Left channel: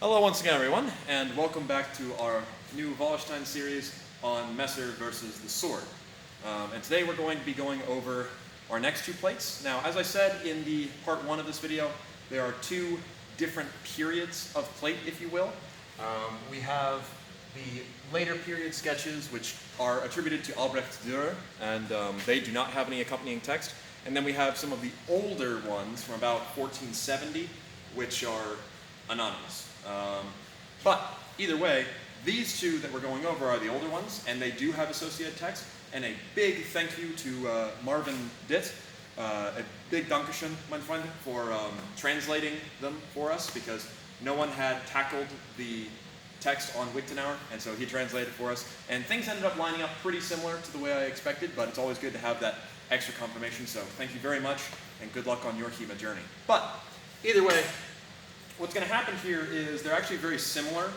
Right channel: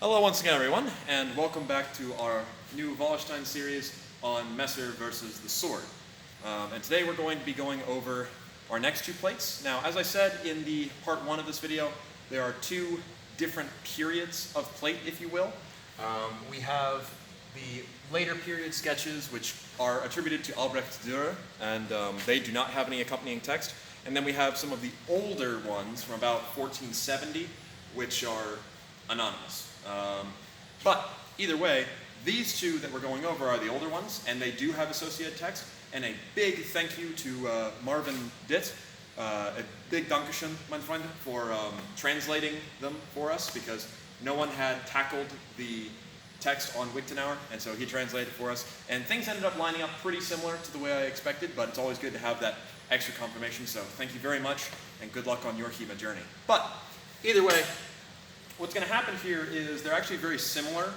Hello once again, everyone, and welcome back to our new Wallerstein series on Messer versus the sword. And today we're going to be going over our next two plates. Now, as I said in the part one of this video, there are two different periods of plate, if you will. We have the later period sketches, which are attributed to Albrecht Dürer, and they do not have any accompanying text. And then we have some of the older ones from about 1470, which are anonymous. But either way, these two that we're going over are the older ones, and they do have associated text. And a big thank you to Marvin Dritt, a big Dankeschön, mein Freund, for translating them for us, because no one had tackled the text on Wichtenauer, and so he translated for us. And things ended up lining up pretty similar to the way I expected, but it's always good to have that extra confirmation. So thank you very much, and good luck on your HEMA journey. But either way, what's going to happen here is they're actually very similar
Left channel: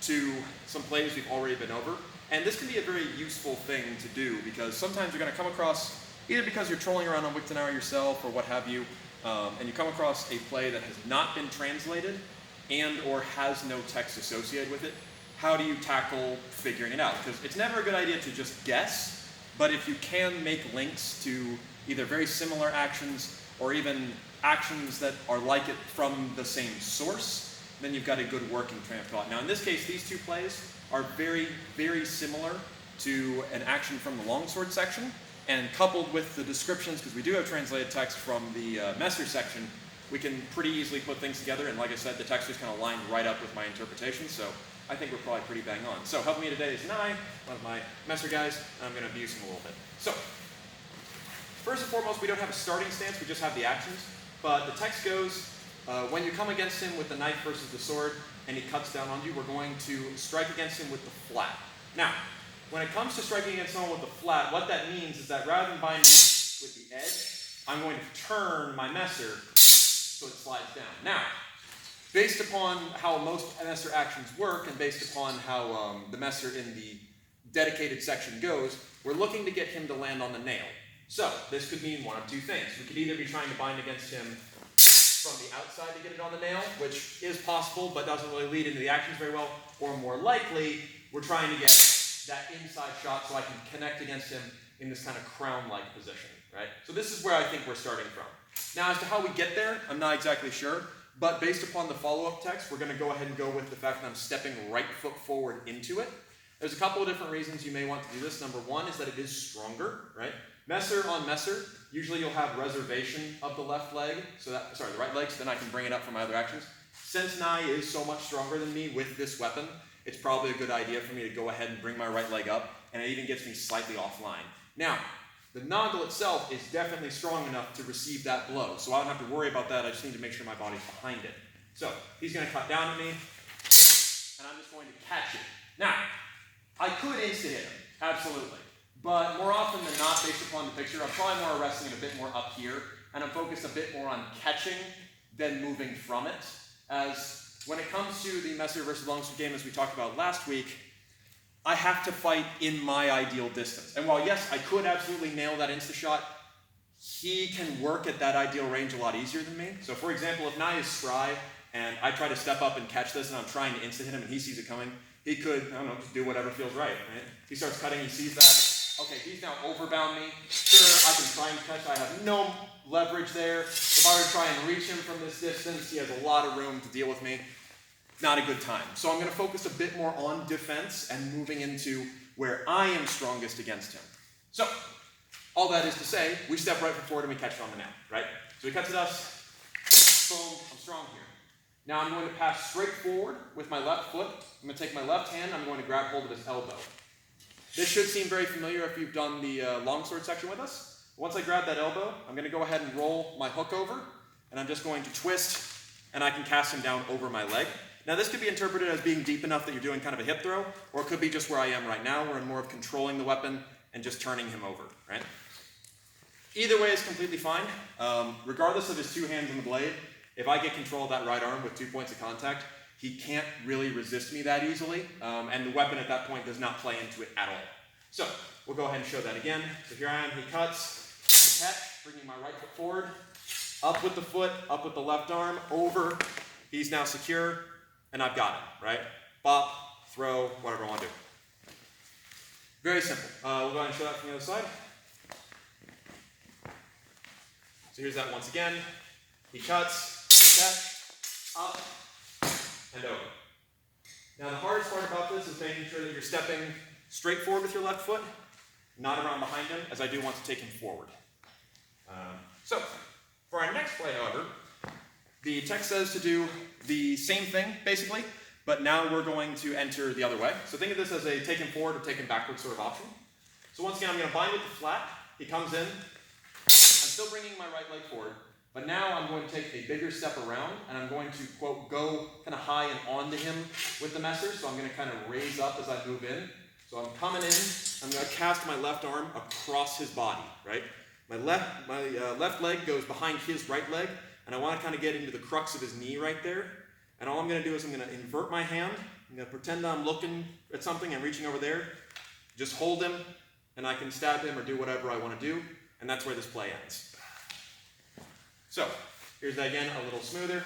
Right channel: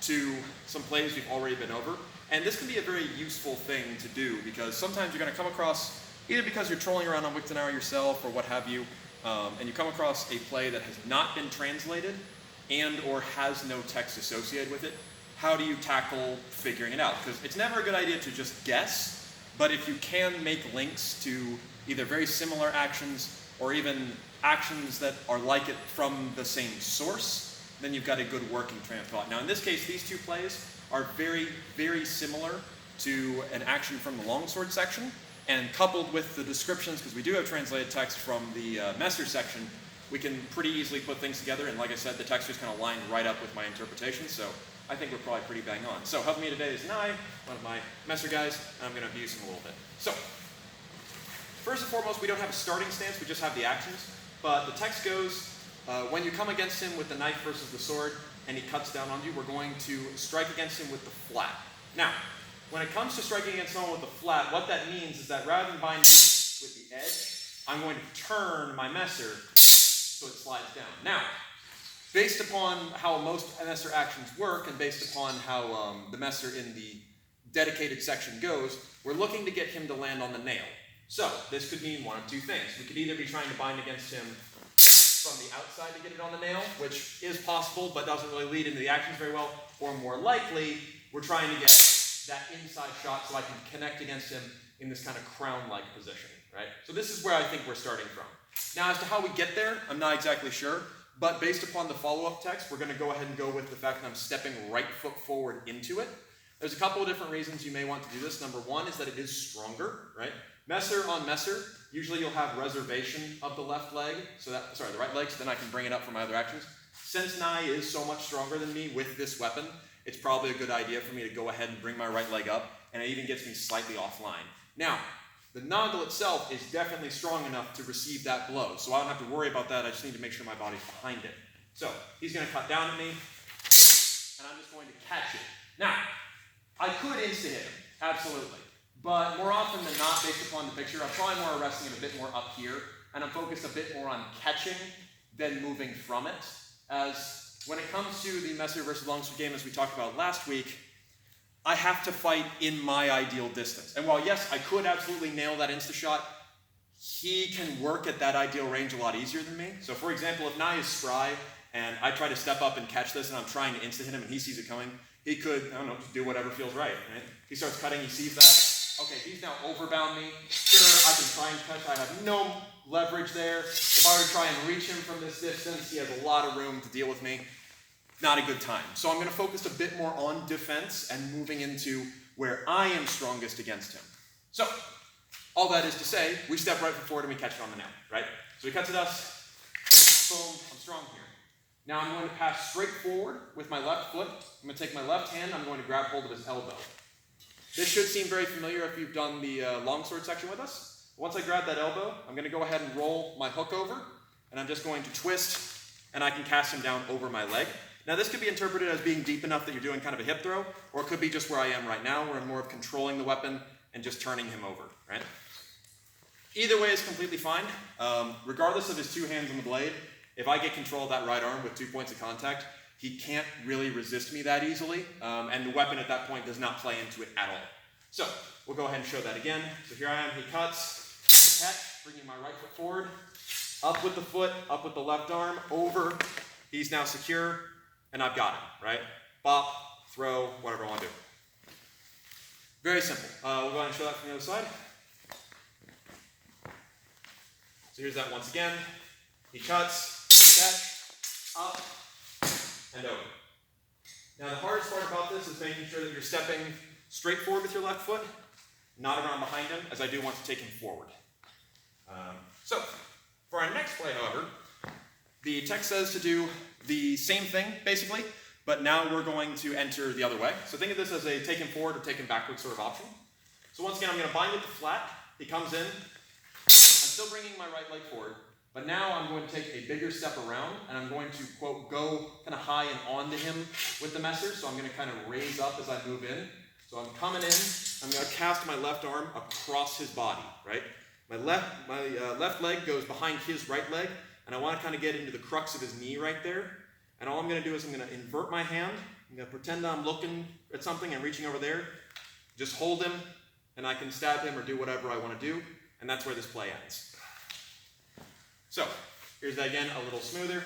to some plays we've already been over. And this can be a very useful thing to do, because sometimes you're going to come across, either because you're trolling around on Wichtenauer yourself or what have you, and you come across a play that has not been translated and or has no text associated with it. How do you tackle figuring it out? Because it's never a good idea to just guess, but if you can make links to either very similar actions or even actions that are like it from the same source, then you've got a good working train of thought. Now in this case, these two plays are very, very similar to an action from the longsword section, and coupled with the descriptions, because we do have translated text from the Messer section, we can pretty easily put things together, and like I said, the text is kind of lined right up with my interpretation, so I think we're probably pretty bang on. So helping me today is Nye, one of my Messer guys, and I'm going to abuse him a little bit. So, first and foremost, we don't have a starting stance, we just have the actions. But the text goes, when you come against him with the knife versus the sword, and he cuts down on you, we're going to strike against him with the flat. Now, when it comes to striking against someone with the flat, what that means is that rather than binding with the edge, I'm going to turn my Messer so it slides down. Now, based upon how most Messer actions work, and based upon how the Messer in the dedicated section goes, we're looking to get him to land on the nail. So, this could mean one of two things. We could either be trying to bind against him from the outside to get it on the nail, which is possible, but doesn't really lead into the actions very well, or more likely, we're trying to get that inside shot so I can connect against him in this kind of crown-like position, right? So this is where I think we're starting from. Now, as to how we get there, I'm not exactly sure, but based upon the follow-up text, we're going to go ahead and go with the fact that I'm stepping right foot forward into it. There's a couple of different reasons you may want to do this. Number one is that it is stronger, right? Messer on Messer, usually you'll have reservation of the left leg, the right leg, so then I can bring it up for my other actions. Since Nye is so much stronger than me with this weapon, it's probably a good idea for me to go ahead and bring my right leg up, and it even gets me slightly offline. Now, the Nagel itself is definitely strong enough to receive that blow, so I don't have to worry about that. I just need to make sure my body's behind it. So, he's going to cut down at me, and I'm just going to catch it. Now, I could insta-hit him, absolutely. But more often than not, based upon the picture, I'm probably more wrestling it a bit more up here, and I'm focused a bit more on catching than moving from it. As when it comes to the Messer versus longsword game, as we talked about last week, I have to fight in my ideal distance. And while yes, I could absolutely nail that insta-shot, he can work at that ideal range a lot easier than me. So for example, if Nye is spry, and I try to step up and catch this, and I'm trying to insta-hit him, and he sees it coming, he could, I don't know, just do whatever feels right. He starts cutting, he sees that. Okay, he's now overbound me. Sure, I can try and catch. I have no leverage there. If I were to try and reach him from this distance, he has a lot of room to deal with me. Not a good time. So I'm going to focus a bit more on defense and moving into where I am strongest against him. So, all that is to say, we step right forward and we catch it on the nail, right? So he cuts at us. Boom, I'm strong here. Now I'm going to pass straight forward with my left foot. I'm going to take my left hand, I'm going to grab hold of his elbow. This should seem very familiar if you've done the longsword section with us. Once I grab that elbow, I'm going to go ahead and roll my hook over, and I'm just going to twist, and I can cast him down over my leg. Now this could be interpreted as being deep enough that you're doing kind of a hip throw, or it could be just where I am right now, where I'm more of controlling the weapon and just turning him over, right? Either way is completely fine. Regardless of his two hands on the blade, if I get control of that right arm with 2 points of contact, he can't really resist me that easily, and the weapon at that point does not play into it at all. So, we'll go ahead and show that again. So here I am, he cuts, catch, bringing my right foot forward, up with the foot, up with the left arm, over, he's now secure, and I've got him, right? Bop, throw, whatever I want to do. Very simple. We'll go ahead and show that from the other side. So here's that once again. He cuts, catch, up, and over. Now the hardest part about this is making sure that you're stepping straight forward with your left foot, not around behind him, as I do want to take him forward. So for our next play, however, the text says to do the same thing, basically, but now we're going to enter the other way. So think of this as a take him forward or take him backwards sort of option. So once again, I'm going to bind it to flat. He comes in. I'm still bringing my right leg forward, but now I'm going to take a bigger step around, and I'm going to, quote, go kind of high and onto him with the messer. So I'm going to kind of raise up as I move in. So I'm coming in. I'm going to cast my left arm across his body, right? My left leg goes behind his right leg, and I want to kind of get into the crux of his knee right there. And all I'm going to do is I'm going to invert my hand. I'm going to pretend I'm looking at something and reaching over there. Just hold him, and I can stab him or do whatever I want to do. And that's where this play ends. So, here's that again, a little smoother.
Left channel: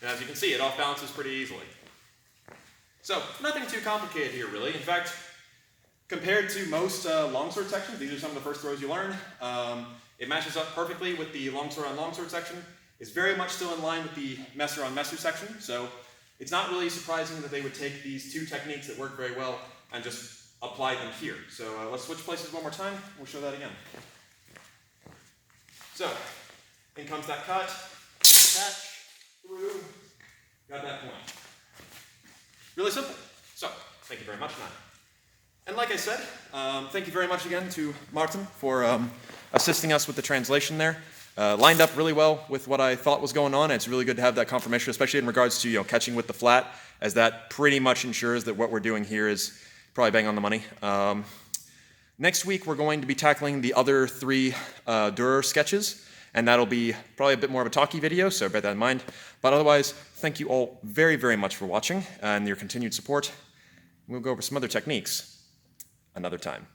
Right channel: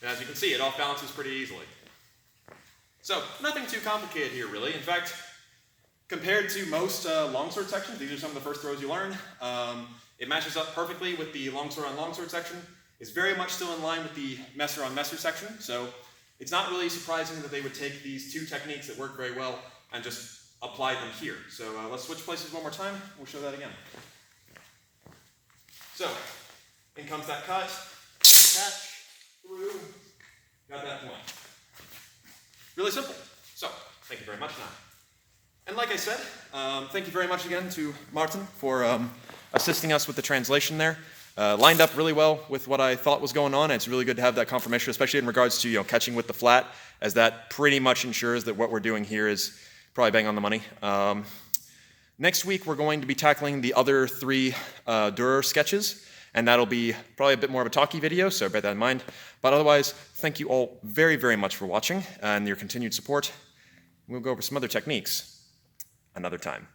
And as you can see, it off balances pretty easily. So, nothing too complicated here, really. In fact, compared to most longsword sections, these are some of the first throws you learn. It matches up perfectly with the longsword on longsword section. It's very much still in line with the messer on messer section. So, it's not really surprising that they would take these two techniques that work very well and just apply them here. So let's switch places one more time. We'll show that again. So, in comes that cut, catch, through, got that point. Really simple. So, thank you very much, Nat. And like I said, thank you very much again to Martin for assisting us with the translation there. Lined up really well with what I thought was going on, and it's really good to have that confirmation, especially in regards to catching with the flat, as that pretty much ensures that what we're doing here is probably bang on the money. Next week, we're going to be tackling the other 3 Dürer sketches, and that'll be probably a bit more of a talky video, so bear that in mind. But otherwise, thank you all very, very much for watching and your continued support. We'll go over some other techniques another time.